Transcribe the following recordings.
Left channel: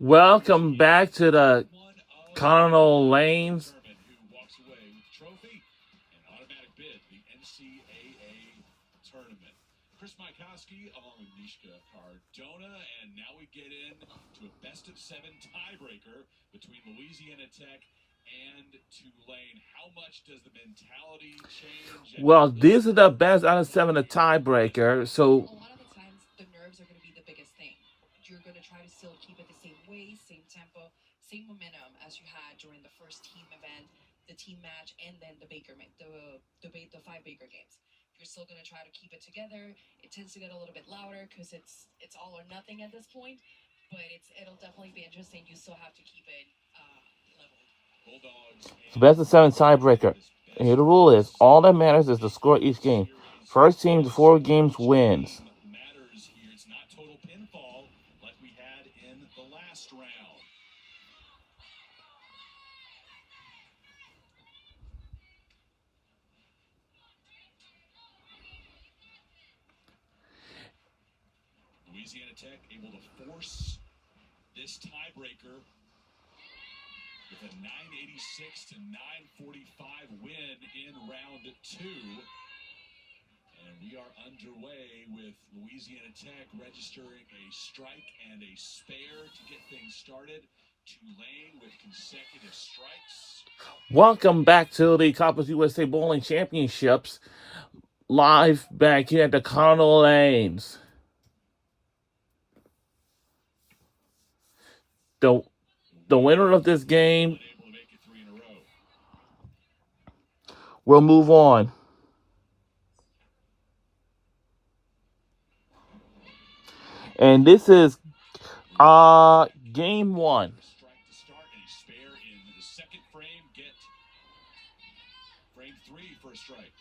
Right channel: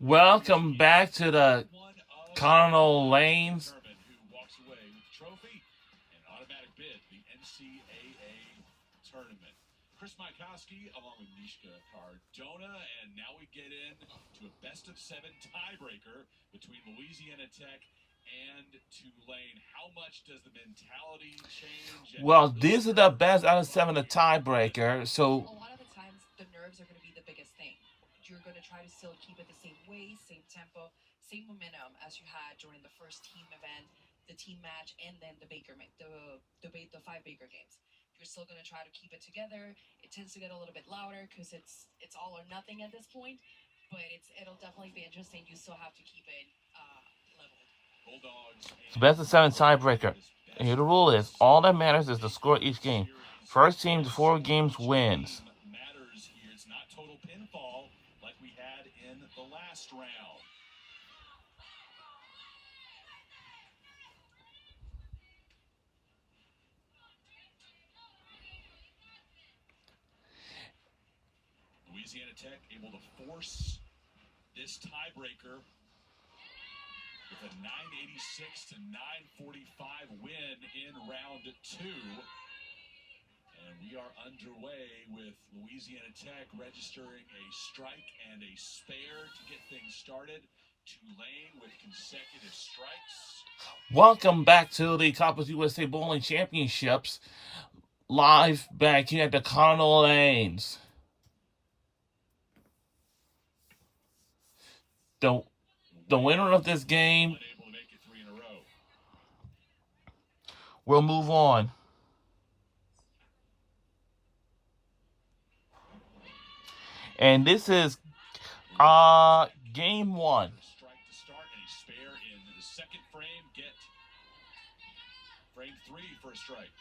Welcome back to the Colonel Lanes. Chris Maikowski along with Mishka Cardona, and now we get into a best-of-7 tiebreaker between Louisiana Tech and Tulane. How much does the mentality change? Well, these are the best out of 7, a tiebreaker. So a lot of the times, the nerves are going to be the biggest thing. You're going to try to still keep it the same way, same tempo, same momentum as you had during the first team event, the team match, and then the 5 Baker games. You're still going to try to keep it together. It tends to get a little bit louder because it's all or nothing at this point, but it'll definitely be interesting. You still have to keep it leveled. It's the best of 7 tiebreaker. And here the rule is, all that matters is the score of each game. First team to 4 games wins. Matters here. It's not total pinfall like we had in the last round. Louisiana Tech able to force this tiebreaker with a 986 to 945 win in round 2. And we are underway with Louisiana Tech registering a strike and a spare to get things started. Tulane with consecutive strikes. Welcome back to the Conference USA Bowling Championships. Live back here at the Colonel Lanes. The winner of this game will move on. And this is game 1. Strike to start and a spare in the second frame. Get frame 3 for a strike.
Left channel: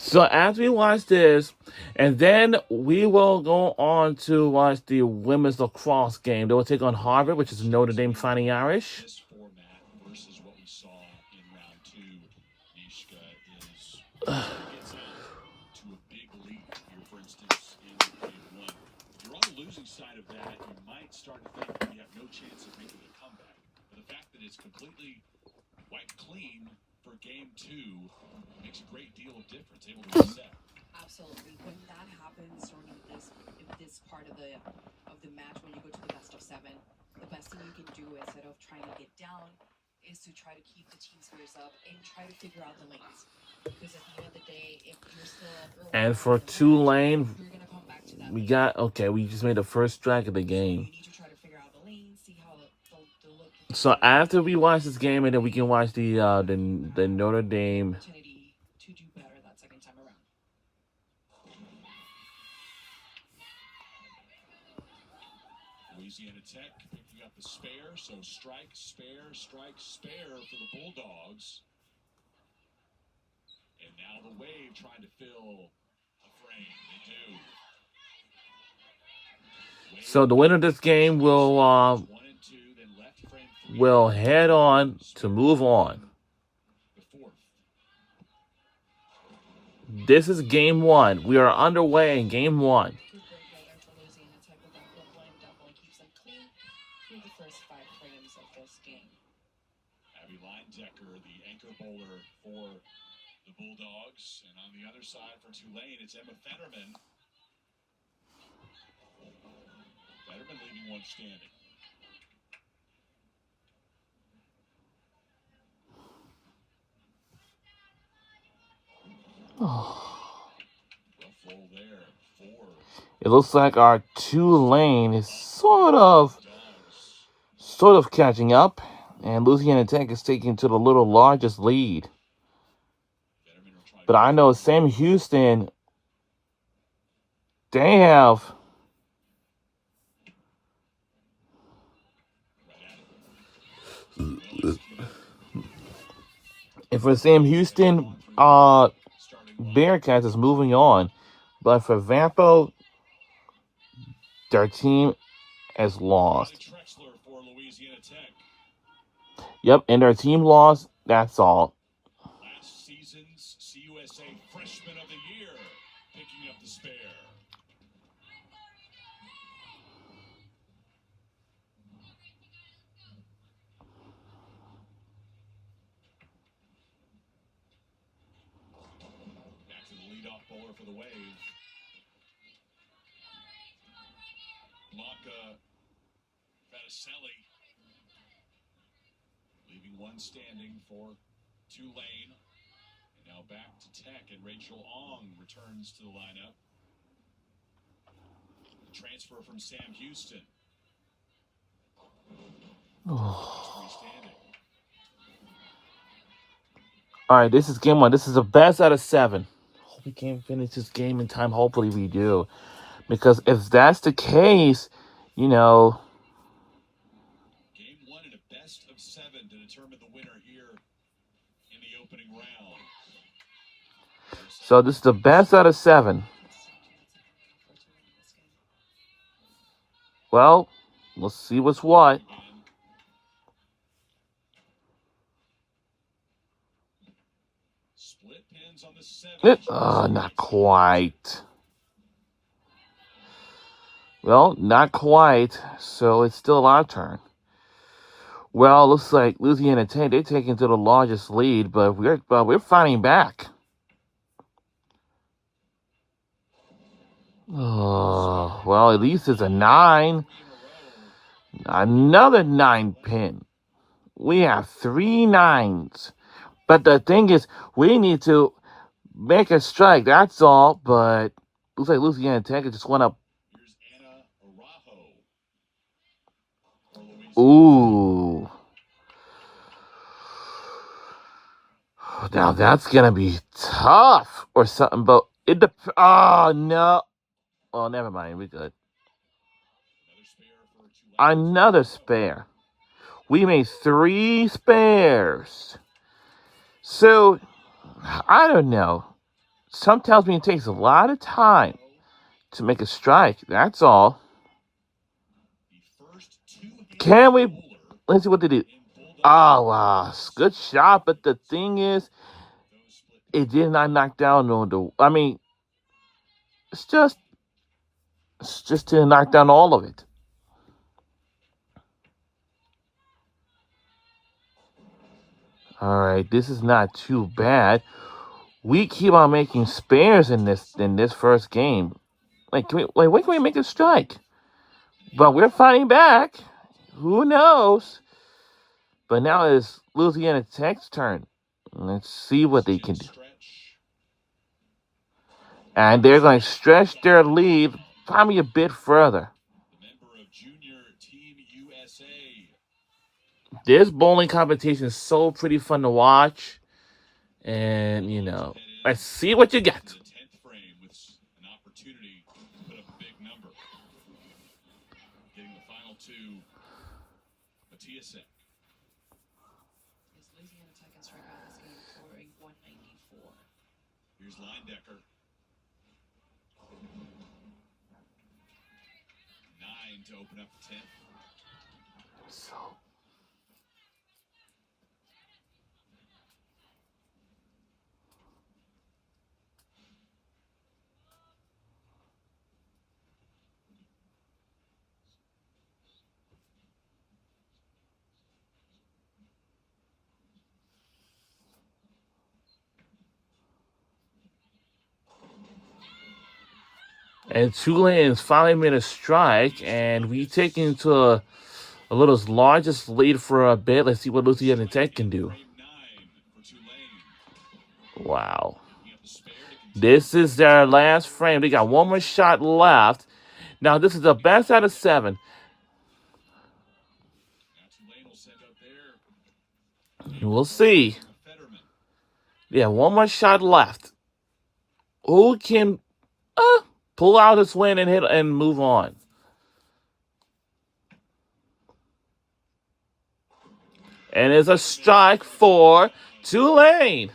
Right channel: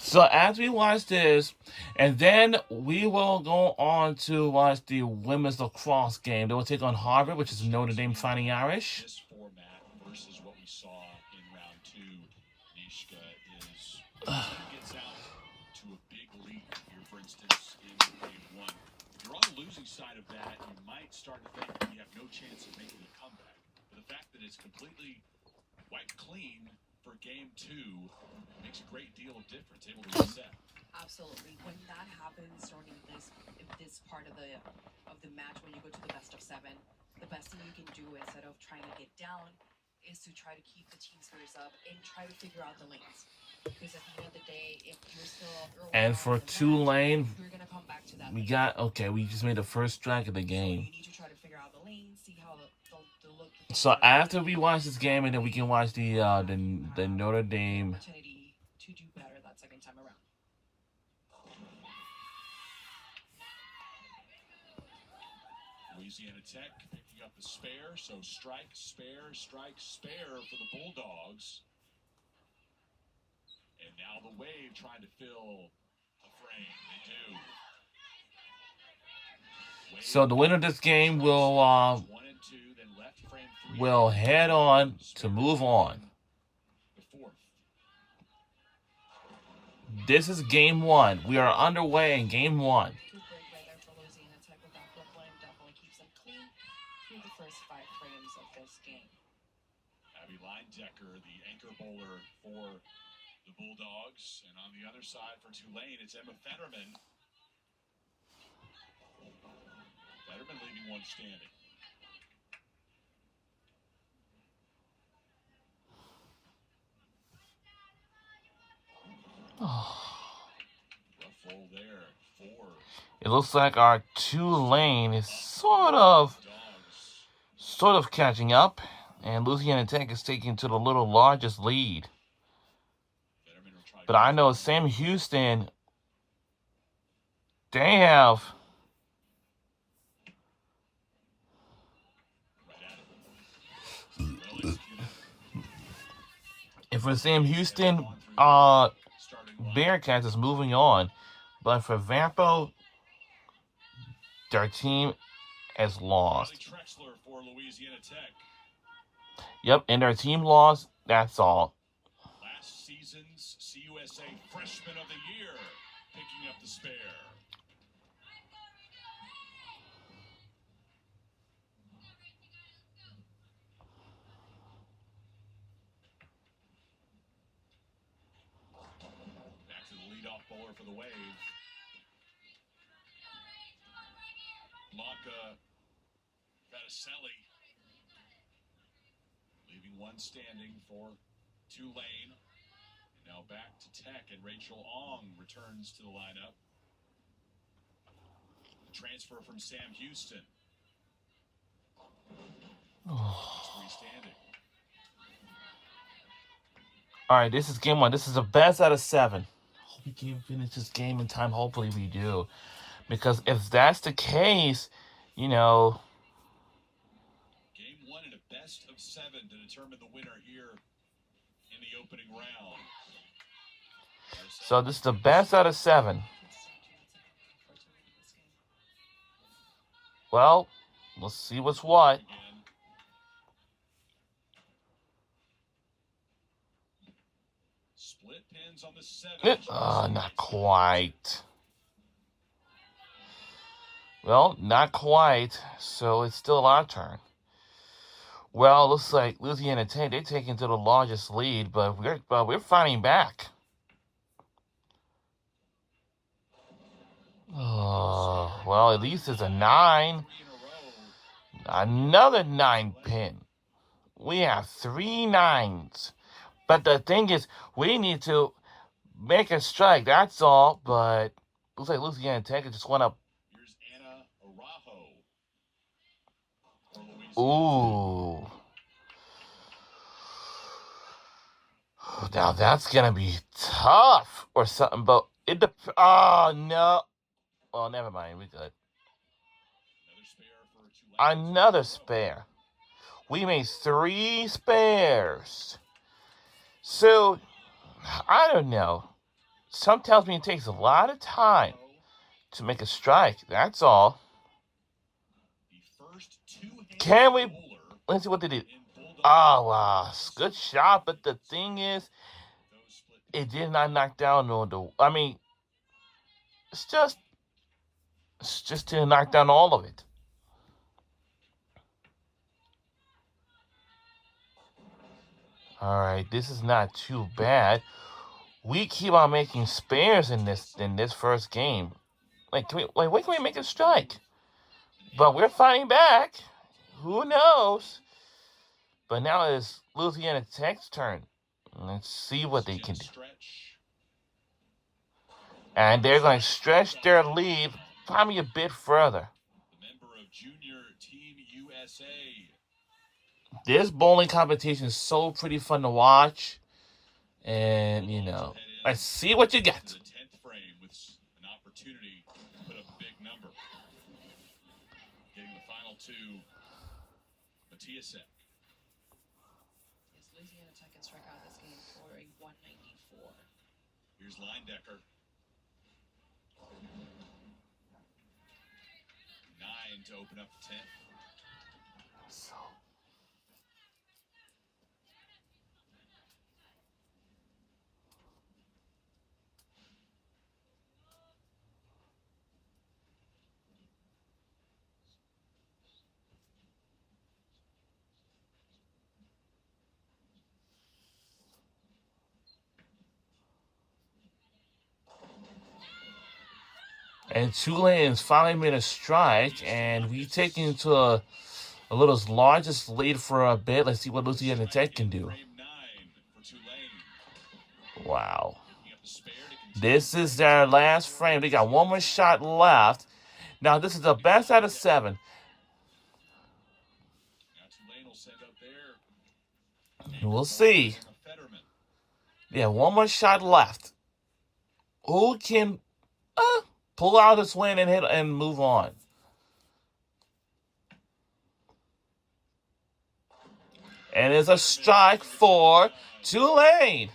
So as we watch this, and then we will go on to watch the women's lacrosse game. They will take on Harvard, which is Notre Dame Fighting Irish. This format versus what we saw in round 2, Nishka, is gets out to a big lead here, for instance, in game 1. If you're on the losing side of that, you might start to think that you have no chance of making a comeback. But the fact that it's completely wiped clean for game 2 makes a great deal of difference, able to reset. Absolutely. When that happens during this part of the match, when you go to the best-of-7, the best thing you can do instead of trying to get down is to try to keep the team spirits up and try to figure out the lanes. Because at the end of the day, if you're still early And on for in the Tulane, match, you're gonna come back to that. we just made the first strike of the game. You need to try to figure out the lanes, see how the look. So after we watch this game, and then we can watch the Notre Dame. Opportunity to do better that second time around. Louisiana Tech picking up the spare, so strike, spare, strike, spare for the Bulldogs. And now the Wave trying to fill a frame. They do. So the winner of this game will 1 and 2, then left frame 3. will head on to move on. The 4th. This is game 1. We are underway in game 1. Good break right there for Louisiana Tech with that double and definitely keeps them clean through the first 5 frames of this game. Abby Leindecker, the anchor bowler for the Bulldogs. And on the other side for Tulane, it's Emma Fetterman. Fetterman leaving one standing. Rough roll there. 4. It looks like our Tulane is sort of catching up, and Louisiana Tech is taking to the little largest lead. But I know Sam Houston, they have And for Sam Houston, starting Bearcats is moving on. But for Vampo, their team has lost. Riley Trexler for Louisiana Tech. Yep, and their team lost. That's all. Last season's CUSA Freshman of the Year picking up the spare. Back to the leadoff bowler for the Wave. Blanca Faticelli leaving one standing for Tulane. And now back to Tech, and Rachel Ong returns to the lineup. Transfer from Sam Houston. Three standing. All right, this is game 1. This is the best out of 7. Hope we can finish this game in time. Hopefully we do. Because if that's the case, you know, Game 1 in a best of 7 to determine the winner here in the opening round. so this is the best out of 7. Well, let's see what's what. Again. Split pins on the 7. Not quite. Well, not quite. So it's still our turn. Well, looks like Louisiana Tech, they're taking to the largest lead, but we're fighting back. Oh, well, at least it's a 9. 3 in a row. Another 9 pin. We have 3 9s. But the thing is, we need to make a strike. That's all. But looks like Louisiana Tech just went up. Here's Anna Araujo for Louisiana. Ooh. Now that's gonna be tough or something. But it oh no. Oh, never mind. We're good. Another spare for Tulane. Another spare. We made 3 spares. So, I don't know. Some tells me it takes a lot of time to make a strike. That's all. The first two-handed Can we? bowler Let's see what they do. in Bulldog Oh, wow. Good shot. But the thing is, those split it did not knock down the. I mean, it's just to knock down all of it. All right, this is not too bad. We keep on making spares in this first game. Like, when can we make a strike? But we're fighting back. Who knows? But now it's Louisiana Tech's turn. Let's see what they can do. stretch. And they're going to stretch their lead probably a bit further. The member of Junior Team USA. This bowling competition is so pretty fun to watch. And, you know, let's see what you get. The 10th frame with an opportunity to put up a big number. Getting the final 2. Matiasek. Yes, Louisiana Tech can strike out this game for a 194. Here's Linedecker. 9 to open up the 10th. And Tulane's finally made a strike, and we take into a little largest lead for a bit. Let's see what Louisiana Tech can do. Frame 9 for Tulane. Wow. Picking up the spare to continue. This is their last frame. They got one more shot left. Now, this is the best out of 7. Now Tulane will send up there. We'll see. Fetterman. Yeah, one more shot left. Who can pull out this win and hit and move on? And it's a strike for Tulane.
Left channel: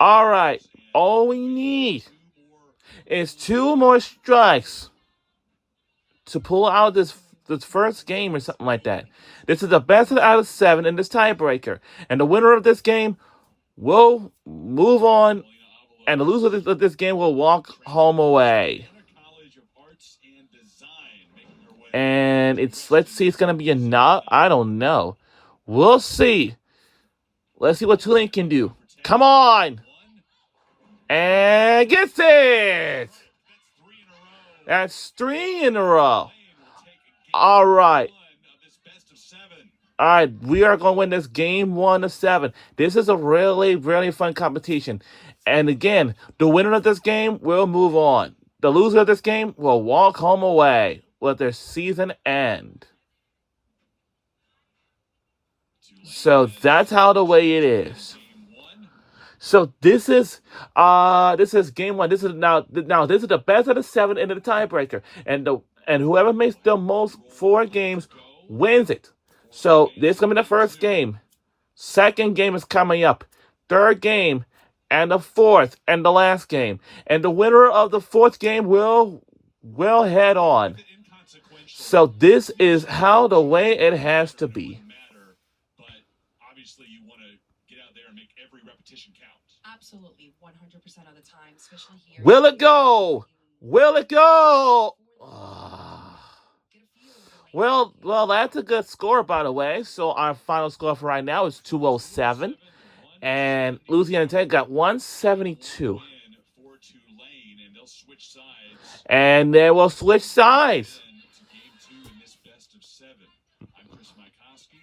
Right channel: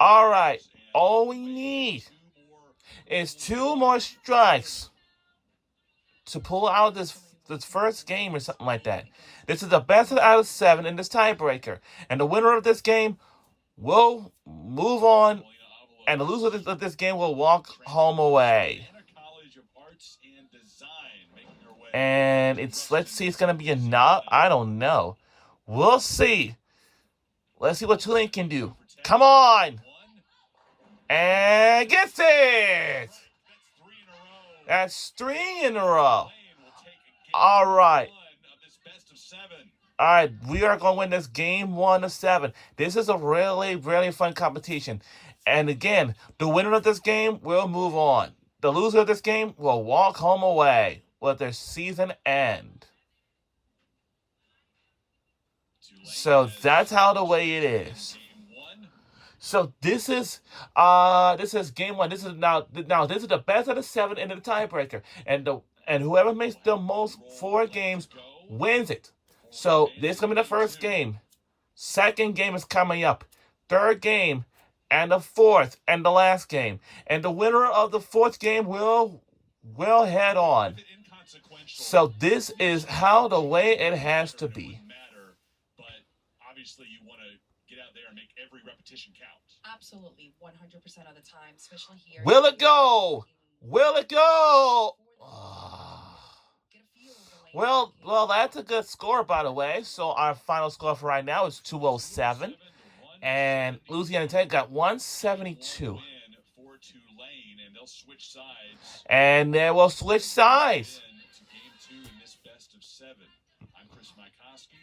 All right. All we need is 2 more strikes to pull out this first game or something like that. This is the best out of 7 in this tiebreaker. And the winner of this game will move on, and the loser of this game will walk home away. And let's see, it's gonna be a knot. I don't know. We'll see. Let's see what Tulane can do. Come on! And gets it! That's 3 in a row. All right. All right, we are going to win this game 1-7. This is a really, really fun competition. And again, the winner of this game will move on. The loser of this game will walk home away with their season end. So that's how the way it is. So this is game 1. This is now this is the best of the 7 into the tiebreaker, and whoever makes the most 4 games wins it. So this is gonna be the first game. Second game is coming up. Third game, and the fourth and the last game. And the winner of the 4th game will head on. So this is how the way it has to be. But obviously you want to get out there and make every repetition count. Absolutely, 100% of the time, especially here. Will it go? Will it go? Well, that's a good score, by the way. So our final score for right now is 207, and Louisiana Tech got 172. And they will switch sides. I'm Chris Mikoski.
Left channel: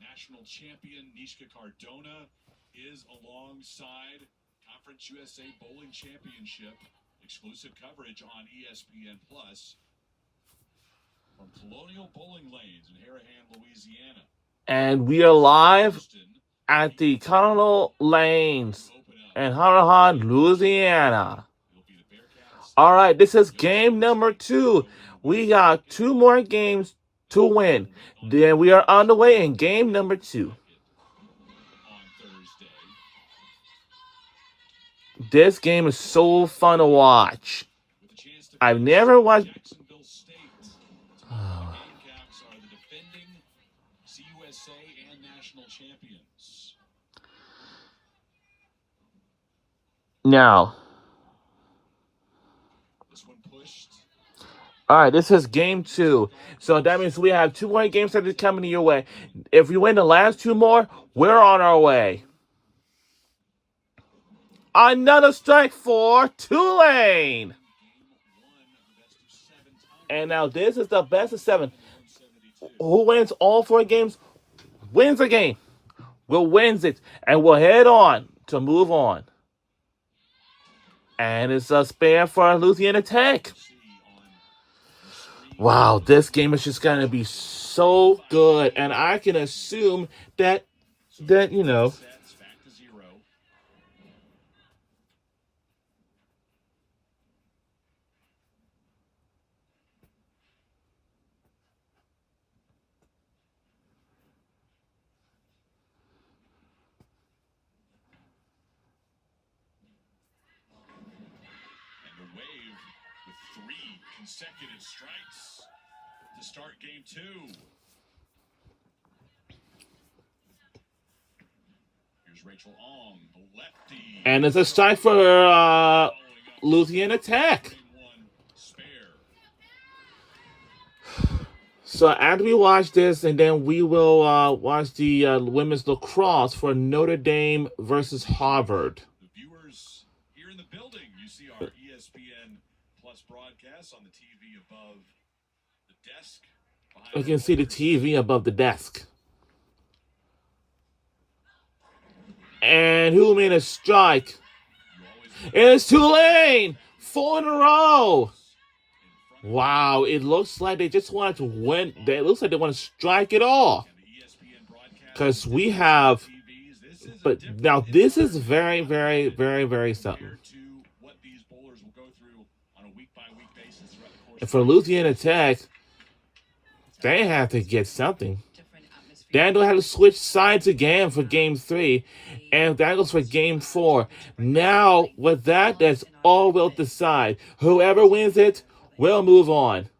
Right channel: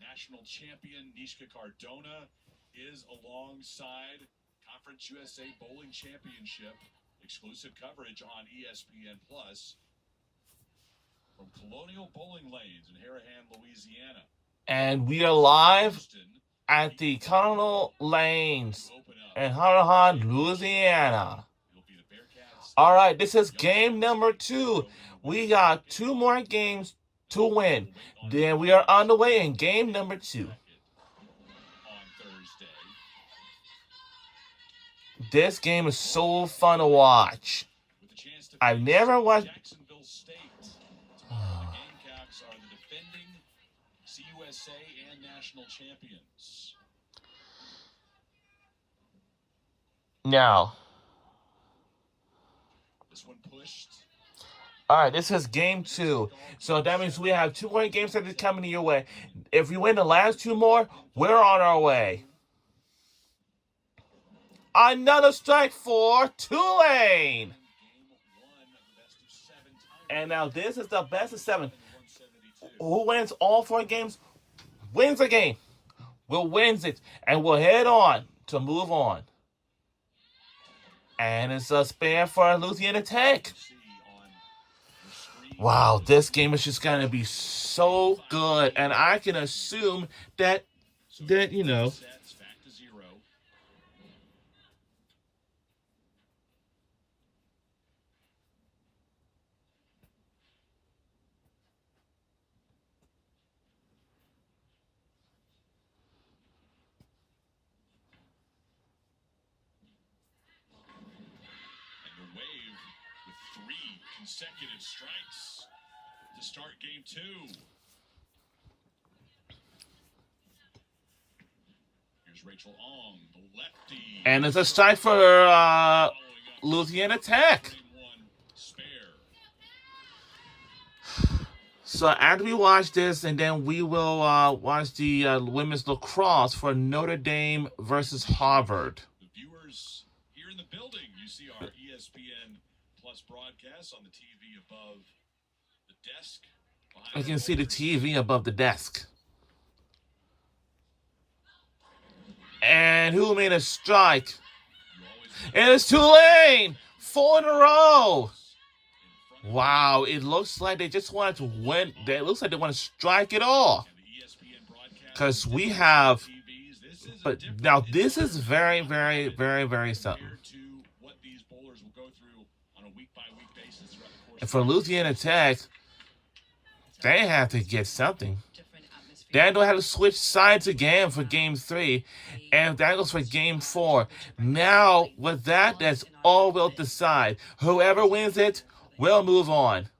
National champion Nishka Cardona is alongside Conference USA Bowling Championship exclusive coverage on ESPN Plus. From Colonial Bowling Lanes in Harahan, Louisiana. And we are live at the Colonial Lanes in Harahan, Louisiana. All right, this is game number 2. We got 2 more games to win. Then we are on the way in game number 2. This game is so fun to watch. I've never watched. Gamecocks are the defending CUSA and national champions. Now, This one pushed. all right, this is game 2. So that means we have 2 more games that are coming your way. If we win the last 2 more, we're on our way. Another strike for Tulane. And now this is the best of 7. Who wins all 4 games wins a game. Will wins it, and we'll head on to move on. And it's a spare for Louisiana Tech. Wow, this game is just going to be so good. And I can assume that you know, Sets back to 0. And the Wave with 3 consecutive strikes to start game 2. Here's Rachel Ong, the lefty. and it's a strike for Following up Louisiana Tech. 1 spare. So after we watch this, and then we will watch the women's lacrosse for Notre Dame versus Harvard. The viewers here in the building, you see our ESPN Plus broadcast on the TV above the desk. Behind You our can see the bowlers. TV above the desk. And who made a strike? You always It's Tulane! 4 in a row! in front Wow, it looks like they just wanted to win. It looks like they want to strike it all. of the ESPN broadcast. 'Cause we have- TVs. This is a But different now this is environment very, very, very, very something. compared to what these bowlers will go through on a week-by-week basis throughout the course And for Louisiana Tech, they have to get something. Different atmosphere Daniel had to switch sides again for game 3, and that goes for game 4. Now, with that, that's all we'll decide. Whoever wins it will move on.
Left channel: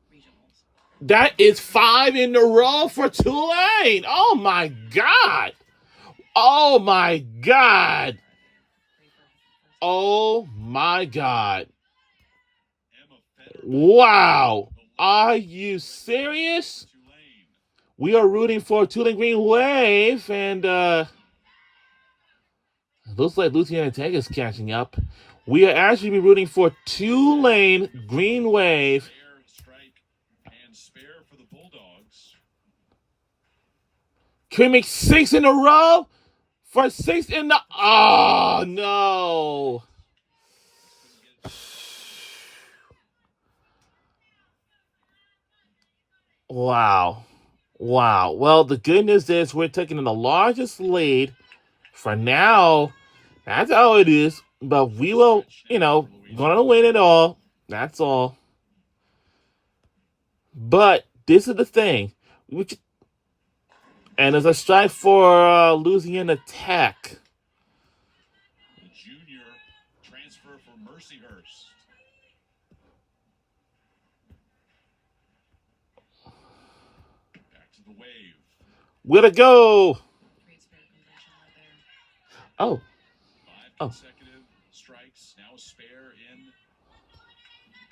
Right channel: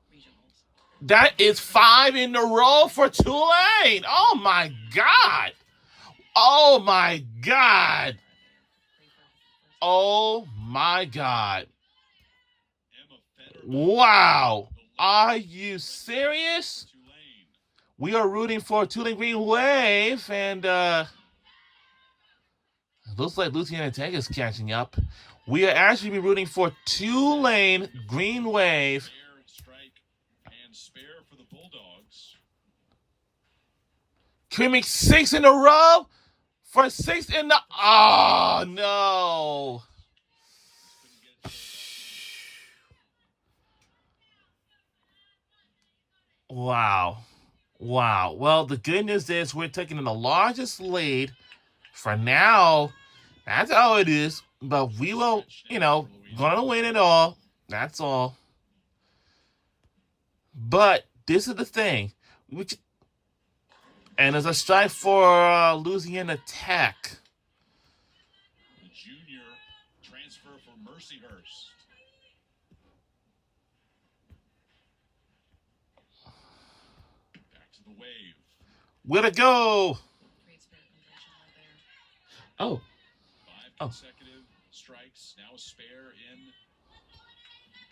That is 5 in a row for Tulane. Oh my God. Oh my God. Oh my God. Wow. Are you serious? We are rooting for Tulane Green Wave, and looks like Louisiana Tech is catching up. We are actually rooting for Tulane Green Wave. Can we make 6 in a row? For 6 in the... Oh, no. Wow. Wow. Well, the good news is we're taking the largest lead. For now, that's how it is. But we will, gonna win it all. That's all. But this is the thing. And there's a strike for Louisiana Tech. The junior transfer for Mercyhurst. Back to the Wave. Way to go! Oh. 5 consecutive strikes. Now a spare in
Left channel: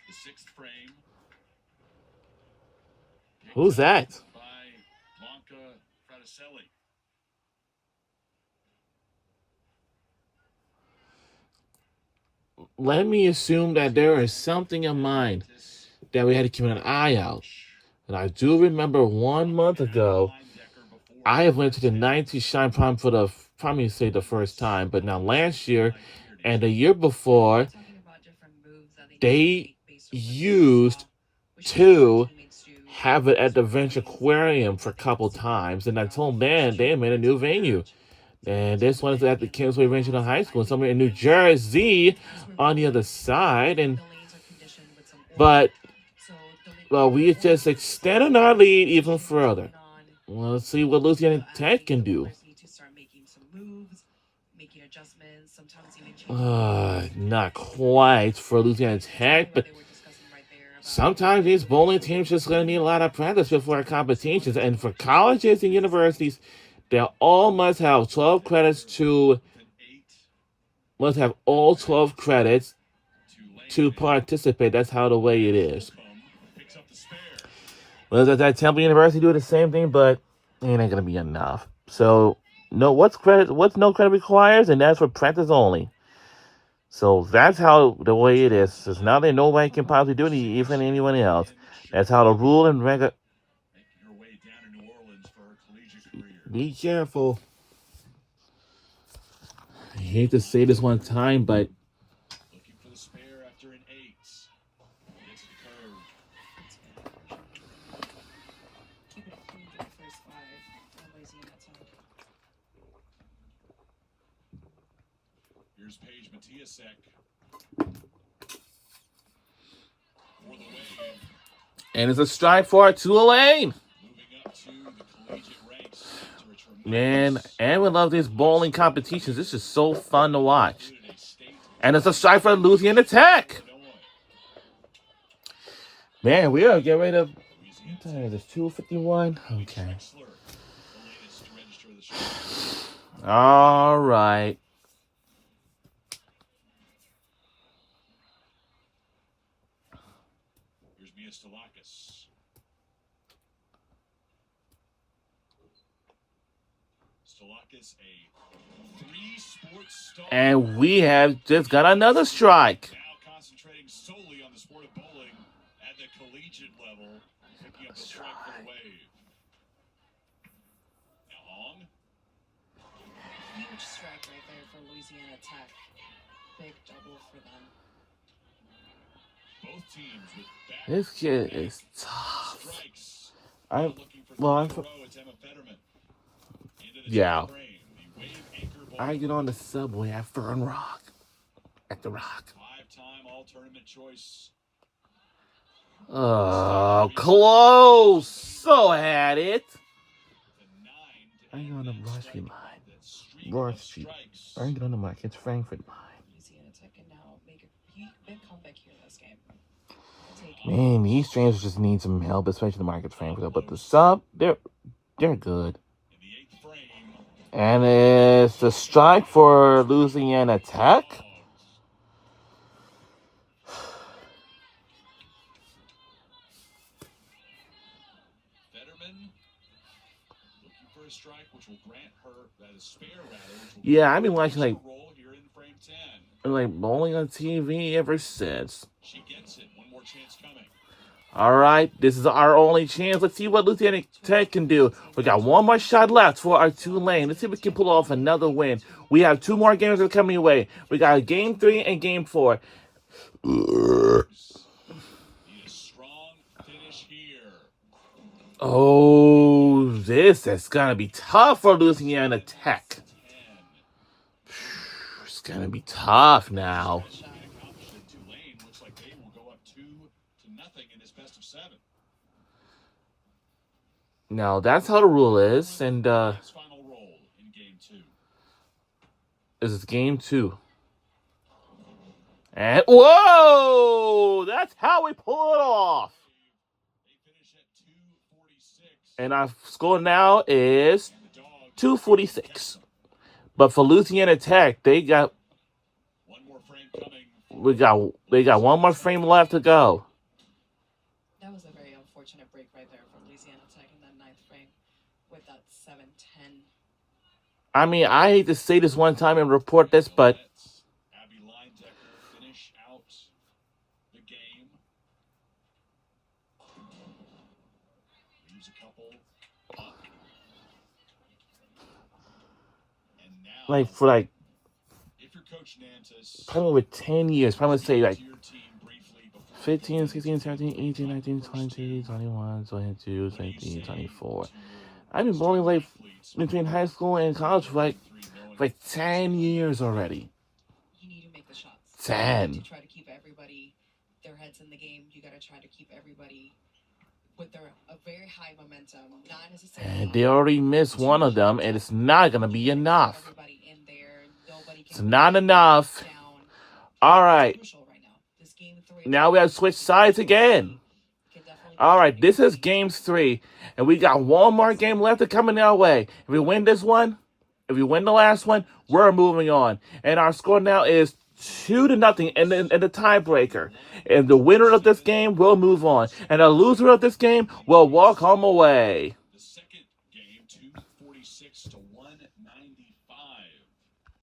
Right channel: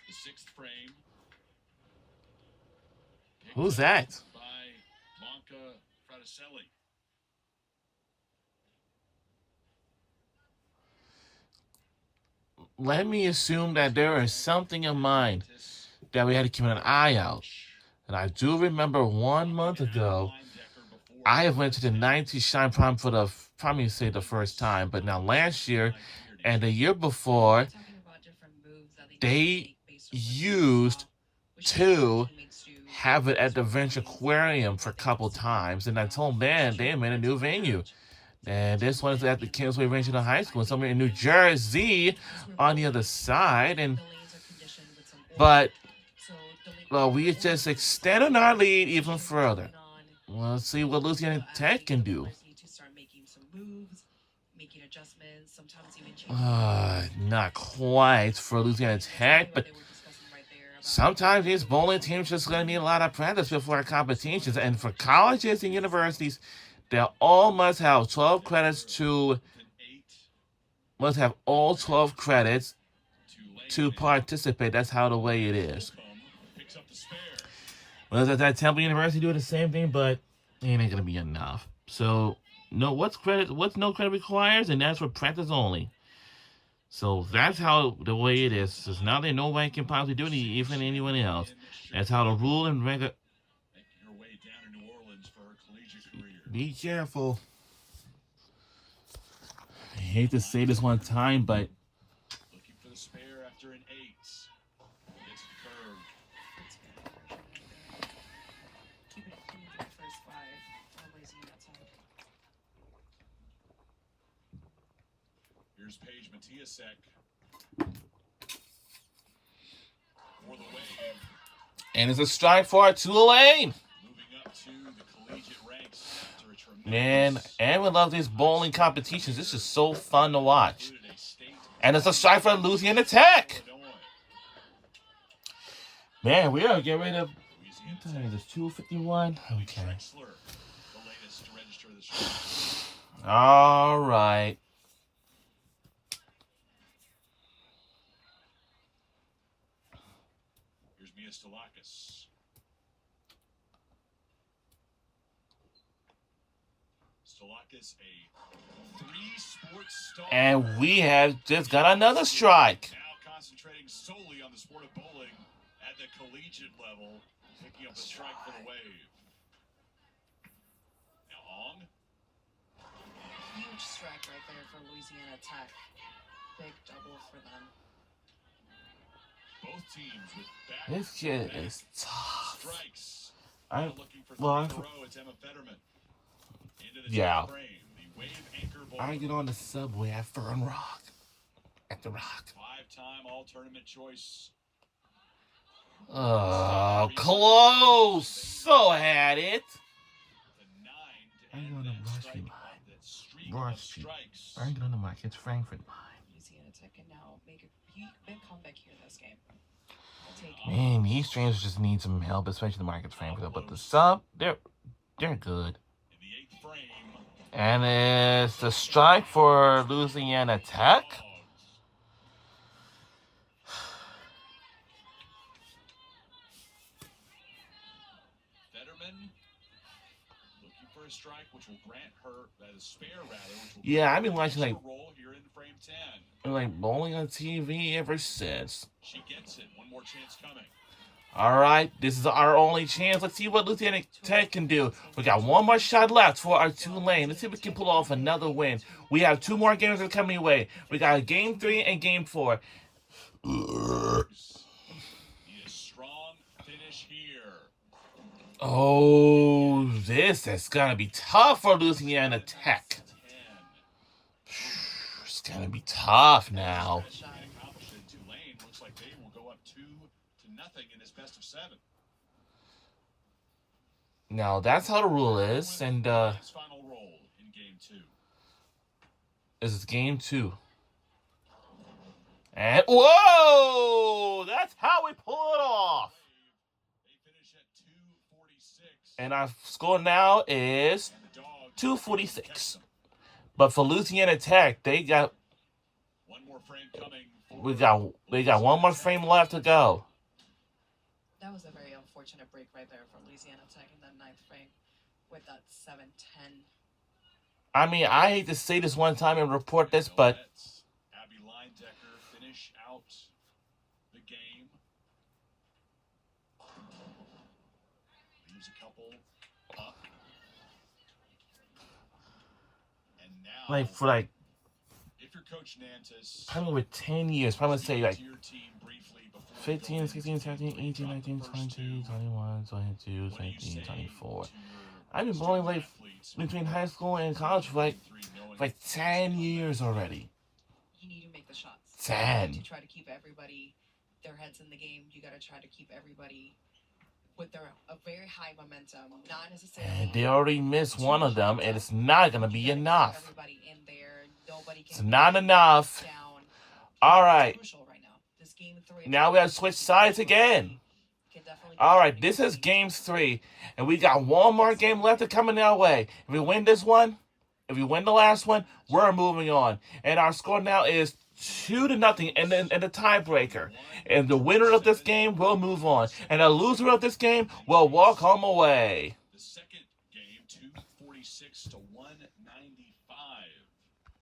the 6th frame. Who's that? By Monka Fraticelli. Let me assume that there is something in mind that we had to keep an eye out. And I do remember 1 month ago, I went to the 90 Shine Prime for the, probably say the first time, but now last year and the year before, they used to have it at the Venture Aquarium for a couple times, and I told them they made a new venue. And this one is at the Kingsway Regional High School, somewhere in New Jersey on the other side. But we just extended our lead even further. Let's see what Louisiana Tech can do. Not quite for Louisiana Tech, but sometimes these bowling teams just going to need a lot of practice before competitions. And for colleges and universities, they all must have 12 credits must have all 12 credits to participate. That's how the way it is. Well, that Temple University do the same thing, but it ain't gonna be enough. So what's no credit requires, and that's for practice only. So that's how the way it is. Since now that nobody can possibly do it, even anyone else. That's how the rule and regular. Be careful. I hate to say this one time, but looking for the spare after an 8. Gets the curve. Keep it clean for the first 5. Nobody's in that time. Here's Paige Matiasek for the Wave. and it's a strike for Tulane. Moving up to the collegiate ranks after a tremendous Man, and we love these bowling competitions. It's just so fun to watch. And it's a strike for Louisiana Tech. Man, we are getting ready to. What time is it? 2:51. Okay. All right. Here's Mia Stalakis. Stalakis, a 3-sport star. And we have just got another strike. Now concentrating solely on the sport of bowling at the collegiate level, picking up the strike for the Wave. Now Hong. Huge strike right there for Louisiana Tech. Big double for them. Both teams with back This kid is tough. strikes. I Looking for well, third row, it's Emma Fetterman. Into the Yeah. frame, the Wave anchor bowler. I get on the subway at Fern Rock. At the Rock. 5-time all-tournament choice. Oh, close. So had it. The 9 Bring on the And Broad strike Street out line. that streak Broad of Street. strikes. Bring it on the mic. It's Frankfurt line. Louisiana Tech can now make a big comeback here in this game. Take Man, these strangers just need some help, especially the Marcus Frankfurt. But the sub, they're good. In the 8th frame, And it's the strike for Louisiana Tech. Dogs. Fetterman looking for a strike, which will grant her that is spare rather. Which will Yeah, I've been watching like roll here in frame 10. bowling on TV ever since. She gets it. One more chance coming. All right, this is our only chance. Let's see what Louisiana Tech can do. We got one more shot left for our Tulane. Let's see if we can pull off another win. We have 2 more games that are coming away. We got Game 3 and Game 4. Need a strong finish here. Oh, this is gonna be tough for Louisiana Tech. 10. It's gonna be tough now. shot. Tulane looks like they will go up 2-0 in this best of 7. Now that's how the rule is, and His final roll in game 2. this is Game 2. And whoa! That's how we pull it off. They finish at 246. And our score now is And the Dogs 246. But for Louisiana Tech, they got one more frame coming. they got one more frame left to go. That was a very unfortunate break right there for Louisiana Tech in that 9th frame with that 7-10. I mean, I hate to say this one time and report this, but Let's Abby Linedecker finish out the game. Leaves a couple up. And now, like for like if you're Coach Nantis, probably over 10 years, probably say like to your team briefly before 15, 16, 17, 18, 19, 20, 21, 22, 23, 24. I've been bowling like between high school and college for like 10 years already. You need to make the shots. 10. To try to keep everybody their heads in the game. You got to try to keep everybody with a very high momentum. Not necessarily. And they already missed one of them, and it's not gonna be enough. Everybody in there. Nobody can It's not enough. down. All right. It's crucial right now. This game 3. Now we have to switch sides again. Can definitely All right, this is Game 3, and we got one more game left to come in our way. If we win this one, if we win the last one, we're moving on. And our score now is 2-0 in the tiebreaker. And the winner of this game will move on. And the loser of this game will walk home away.